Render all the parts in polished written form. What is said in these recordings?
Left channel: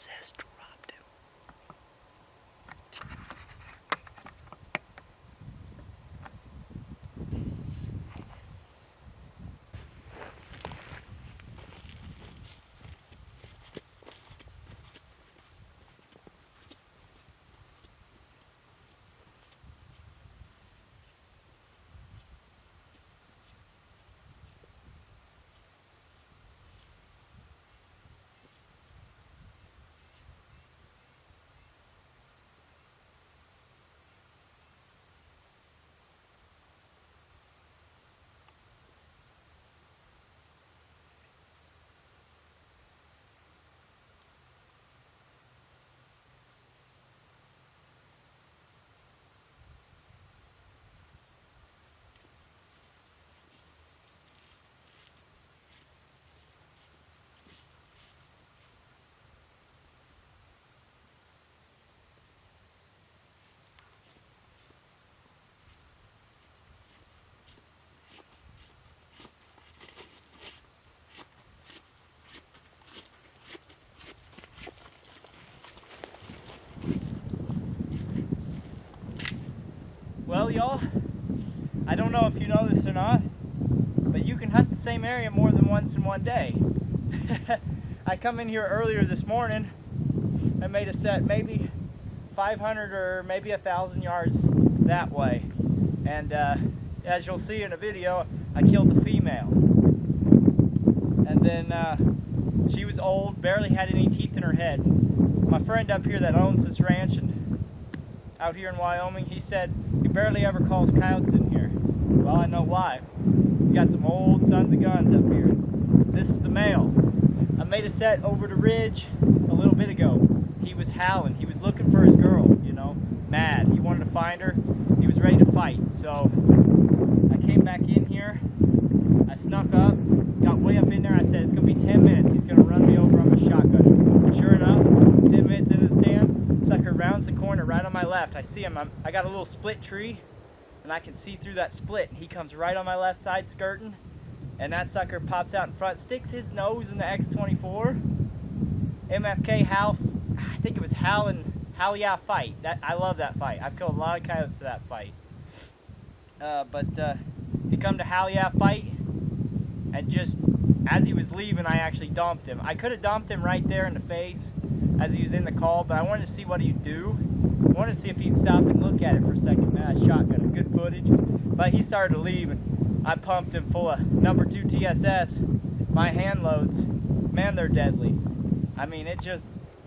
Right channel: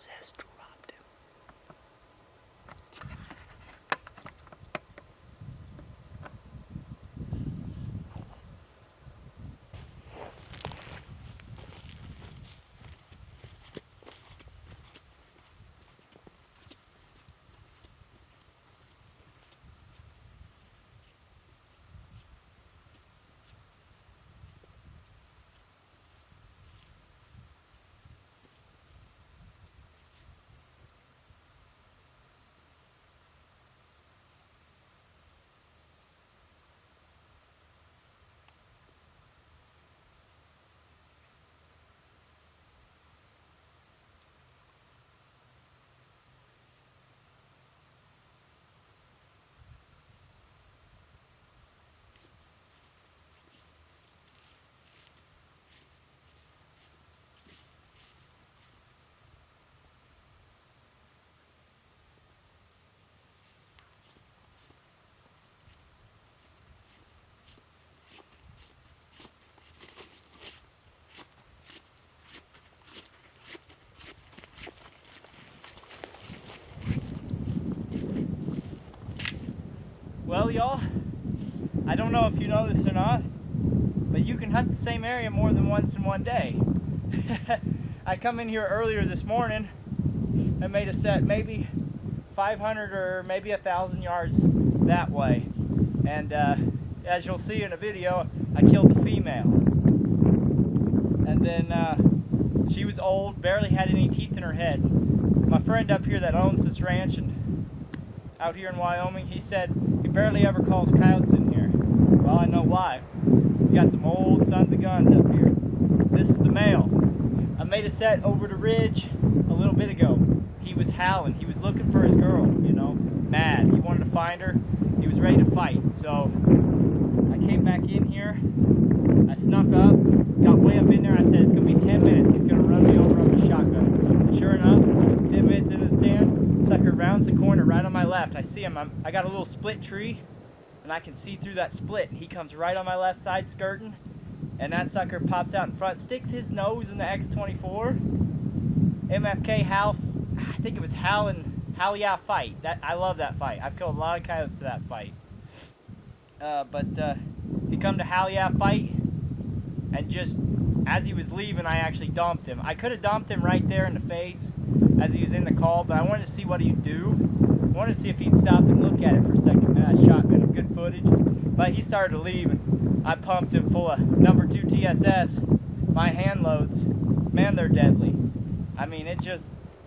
TSS dropped him. Well, y'all, I don't know if you know this or not, but you can hunt the same area more than once in one day. I come in here earlier this morning and made a set maybe 500 or maybe 1,000 yards that way. And as you'll see in a video, I killed the female. And then she was old, barely had any teeth in her head. My friend up here that owns this ranch and out here in Wyoming, he said he barely ever calls coyotes in here. Well, I know why. We got some old sons of guns up here. This is the male. I made a set over the ridge a little bit ago. He was howling. He was looking for his girl, you know, mad. He wanted to find her. He was ready to fight. So I came back in here. I snuck up, got way up in there. I said, it's going to be 10 minutes. He's going to run me over on my shotgun. Sure enough, 10 minutes into the stand, sucker rounds the corner right on my left. I see him. I got a little split tree, and I can see through that split. And he comes right on my left side skirting, and that sucker pops out in front, sticks his nose in the X24. MFK Hal, I think it was Hal Yeah fight. I love that fight. I've killed a lot of coyotes to that fight. But he come to Hal Yeah fight, and just as he was leaving, I actually dumped him. I could have dumped him right there in the face as he was in the call, but I wanted to see what he'd do. I wanted to see if he'd stop and look at it for a second. Man, that shotgun, good footage. But he started to leave, and I pumped him full of number 2 TSS. My hand loads, man, they're deadly. I mean, it just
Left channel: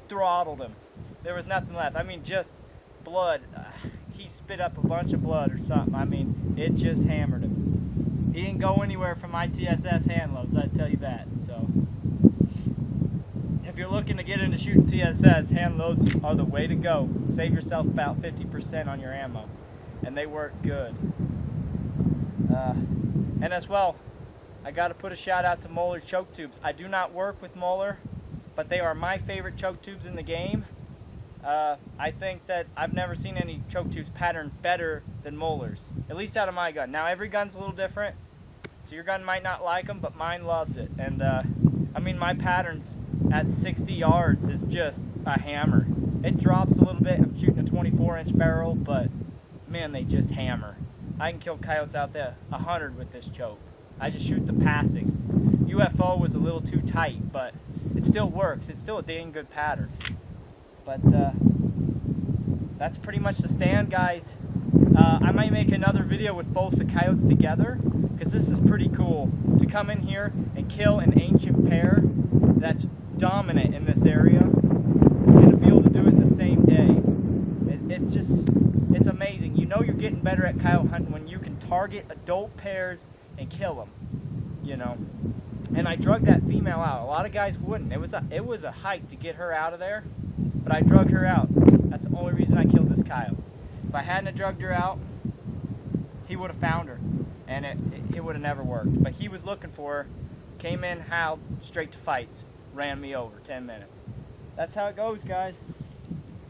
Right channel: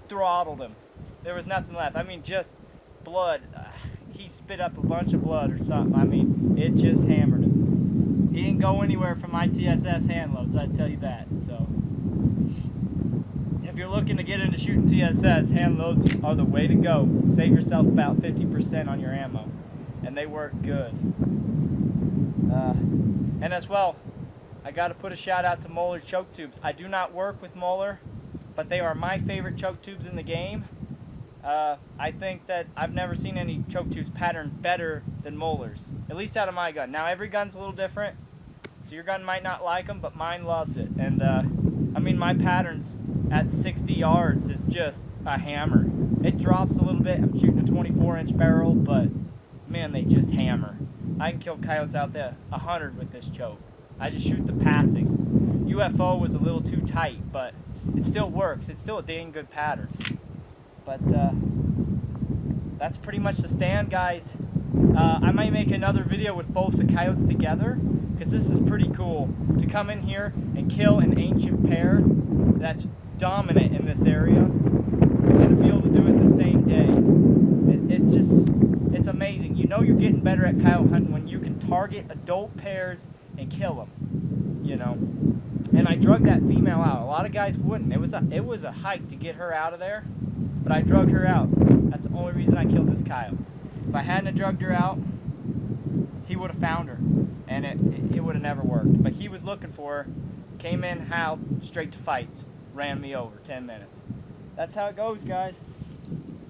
throttled him. There was nothing left. I mean, just blood. He spit up a bunch of blood or something. I mean, it just hammered him. He didn't go anywhere from my TSS hand loads, I'd tell you that. So, if you're looking to get into shooting TSS, hand loads are the way to go. Save yourself about 50% on your ammo, and they work good. And as well, I got to put a shout out to Moeller choke tubes. I do not work with Moeller, but they are my favorite choke tubes in the game. I think that I've never seen any choke tubes patterned better than Moeller's, at least out of my gun. Now every gun's a little different, so your gun might not like them, but mine loves it. And I mean, my patterns at 60 yards is just a hammer. It drops a little bit. I'm shooting a 24-inch barrel, but man, they just hammer. I can kill coyotes out there 100 with this choke. I just shoot the passing. UFO was a little too tight, but it still works. It's still a dang good pattern. But that's pretty much the stand, guys. I might make another video with both the coyotes together, because this is pretty cool to come in here and kill an ancient pair that's dominant in this area, and to be able to do it in the same day. It's amazing. You know you're getting better at coyote hunting when you can target adult pairs and kill them, you know. And I drug that female out. A lot of guys wouldn't. It was a hike to get her out of there, but I drug her out. That's the only reason I killed this coyote. If I hadn't drugged her out, he would have found her, and it would have never worked. But he was looking for her, came in, howled, straight to fights, ran me over 10 minutes. That's how it goes, guys.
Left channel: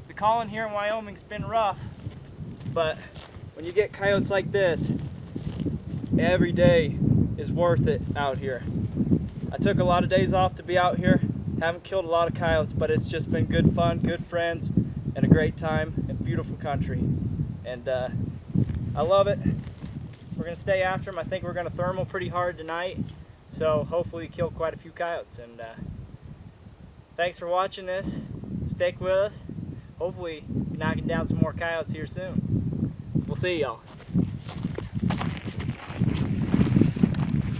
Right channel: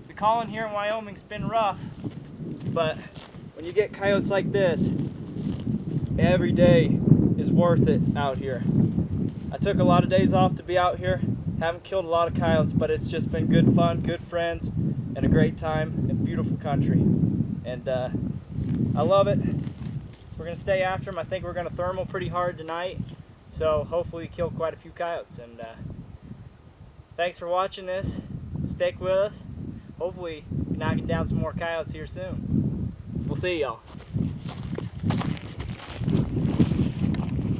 The calling here in Wyoming's been rough, but when you get coyotes like this, every day is worth it out here. I took a lot of days off to be out here, Haven't killed a lot of coyotes, but it's just been good fun, good friends, and a great time in beautiful country. And I love it. We're gonna stay after them. I think we're gonna thermal pretty hard tonight, so hopefully we kill quite a few coyotes. And thanks for watching this. Stick with us. Hopefully be knocking down some more coyotes here soon. We'll see y'all.